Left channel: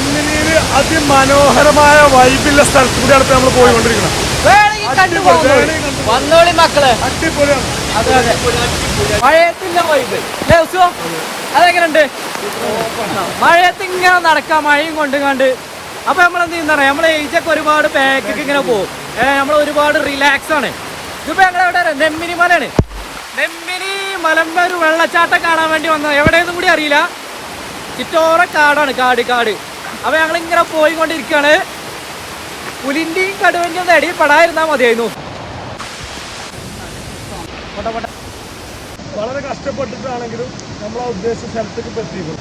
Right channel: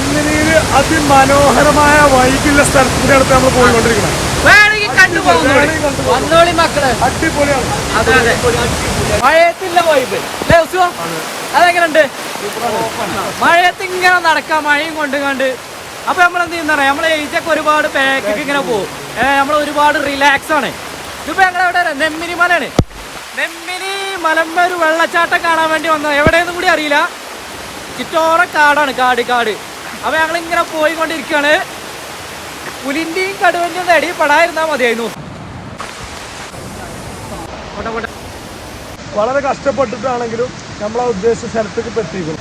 നെന്മിനിയില് അതിമനോഹരമായ വൈബിലുള്ള സ്ഥലത്ത് കൂടിയാണ് ഇപ്പൊ നമ്മൾ പോയിക്കൊണ്ടിരിക്കുന്നത്. വന്നോളി മക്കള്, അടിപൊളിയാണ്. അതെ അതെ, മഴയത്തില്ല വൈബ് അല്ലേ ഉത്സവ? അതെങ്ങനെയുണ്ട്? മഴയത്ത് ഇങ്ങനെ നടക്കാം, മഴയും കൊണ്ടുകണ്ട്. അപ്പൊ നമ്മളെന്ത് ചെയ്യുന്ന നമ്മളെ ഏജൊക്കെ ഒരുപാട് പാക്കൊക്കെ ഇങ്ങനെ പോകും. നമ്മൾ ഒരുപാട് റിലാക്സ് ആണ്. ഇതിപ്പോ ഞങ്ങളെവിടെ നെമ്മിനി മലയാണ്. നെമ്മിനി മലമ്പ ഒരു വെള്ളച്ചാട്ടം കാണാൻ വേണ്ടി വന്നത്. എവിടെയെന്നും കൂടി അറിയില്ല. ചുറ്റോറ കാടാണ്, കാട് കാട്. അപ്പൊ ഞങ്ങളിങ്ങനെ പോയിക്കൊണ്ടിരിക്കുകയാണ്. പുലിന്റെയും കടുവന്റെയും തടി പെടാതിരുന്നാ മതിയായിരുന്നു. വളരെ കഷ്ടപ്പെട്ടിട്ടാണെങ്കിലും നമ്മളെ ഉദ്ദേശിച്ച സ്ഥലത്തേക്ക് എത്തിയിരിക്കുന്നു.